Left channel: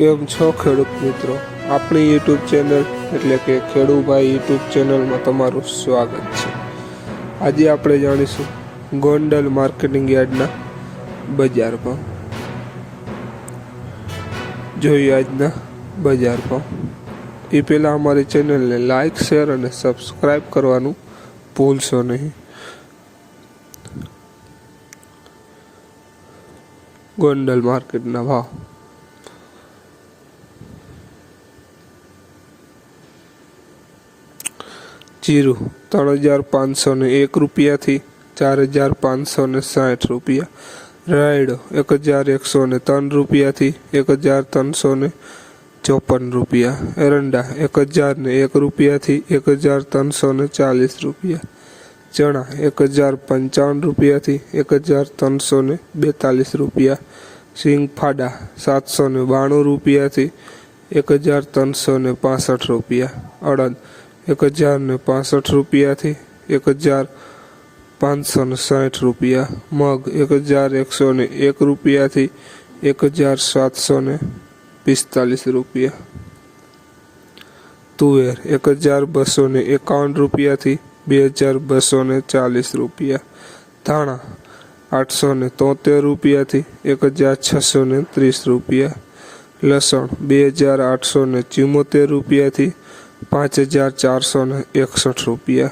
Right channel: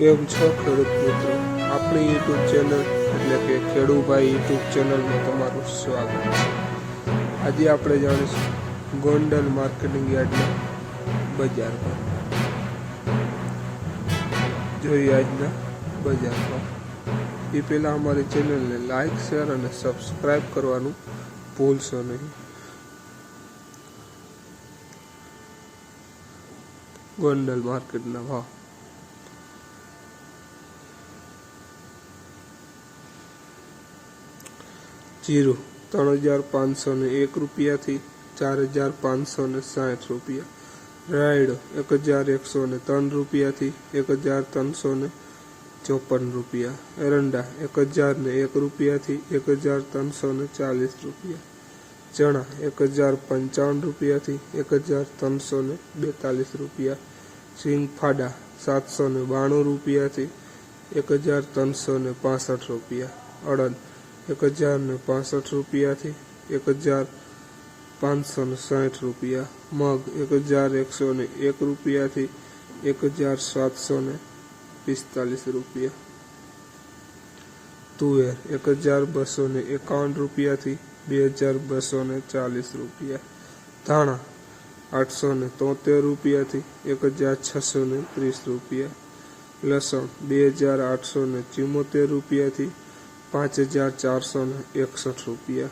કેમ છો ખેડૂત મિત્રો? આપણી યુટ્યુબ ચેનલ એટલે કે ખેડૂભાઈ યુટ્યુબ ચેનલમાં તમારું સ્વાગત છે. આજે આપણે જાણીશું ગોંડલ માર્કેટિંગ યાર્ડના બજાર ભાવ. જોઈએ આજના બજાર ભાવ. એ પહેલાં અમારી ચેનલને લાઈક, શેર અને સબસ્ક્રાઈબ કરવાનું ભૂલશો નહીં. ગોંડલ માર્કેટના ભાવ. જીરું ત્રણ હજાર પાંચસો ને એક રૂપિયાથી ચાર હજાર પાંચસો ને સાઠ રૂપિયા. રાયડો એક હજાર એકસો ને ત્રણ રૂપિયાથી એક હજાર ત્રણસો ને ચોપન રૂપિયા. એરંડા એક હજાર ને એક રૂપિયાથી એક હજાર ત્રણસો ને ચાલીસ રૂપિયા. ચણા એક હજાર પંચાવન રૂપિયાથી એક હજાર ત્રણસો ને બેતાલીસ રૂપિયા. સિંગ ફાડા સાતસો ને બાણું રૂપિયાથી એક હજાર ત્રણસો ને પાસઠ રૂપિયા. અડદ એક હજાર ને પાસઠ રૂપિયાથી એક હજાર પાંચસો ને સાઠ રૂપિયા. મગ એક હજાર એકસો ને એક રૂપિયાથી એક હજાર સાતસો ને પિસ્તાલીસ રૂપિયા. તુવેર એક હજાર બસો ને એકાવન રૂપિયાથી બે હજાર બસો ને ચાલીસ રૂપિયા. ધાણા આઠસો ને તોતેર રૂપિયાથી એક હજાર છસો ને ત્રીસ રૂપિયા. લસણ બે હજાર આઠસો ને ચુમ્મોતેર રૂપિયાથી પાંચ હજાર ચારસો ને એકસઠ રૂપિયા.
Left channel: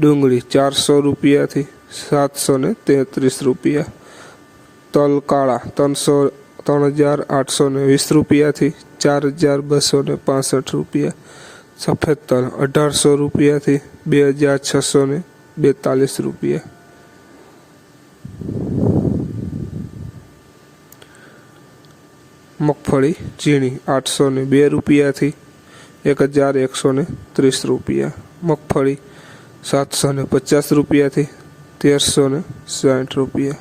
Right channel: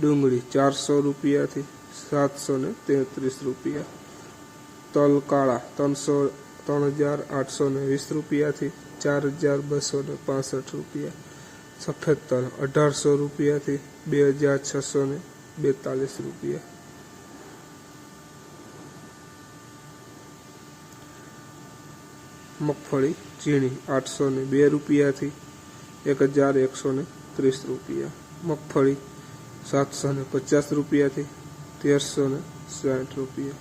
ડુંગળી ચારસો રૂપિયાથી સાતસો ને તેત્રીસ રૂપિયા. તલ કાળા ત્રણસો, ત્રણ હજાર આઠસો ને વીસ રૂપિયાથી ચાર હજાર બસો ને પાસઠ રૂપિયા. સફેદ તલ અઢારસો રૂપિયાથી બે હજાર છસો ને બેતાલીસ રૂપિયા. મગફળી ઝીણી આઠસો ને બે રૂપિયાથી એક હજાર એકસો ને ત્રીસ રૂપિયા. મગફળી સાતસો ને પચાસ રૂપિયાથી તેરસો ને સાઠ રૂપિયા.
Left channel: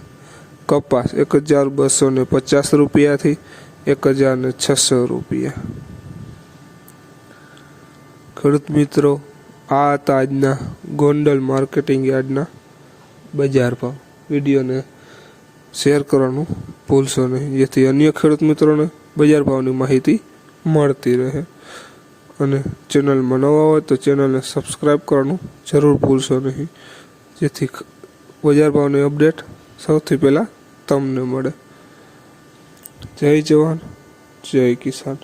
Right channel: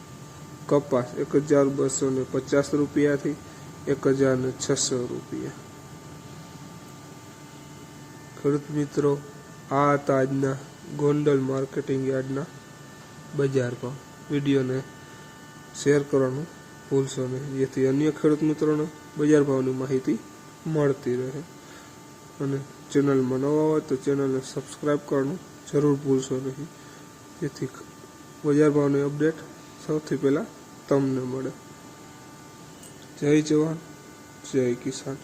કપાસ એક હજાર બસો ને પચાસ રૂપિયાથી એક હજાર ને છસો રૂપિયા. ખેડૂત મિત્રો, આ હતા આજના ગોંડલ માર્કેટિંગ યાર્ડના બજાર ભાવ. વિડીયોને શેર કરવાનું ભૂલશો નહીં. જેથી અન્ય ખેડૂત મિત્રોને બજાર ભાવની માહિતી મળતી રહે. અને ચેનલમાં નવા હોય તો ચેનલને સબસ્ક્રાઈબ કરવાનું જરૂર ભૂલશો નહીં. જેથી બજાર ભાવની અપડેટ સૌથી પહેલાં તમને મળે. જય જવાન, જય કિસાન.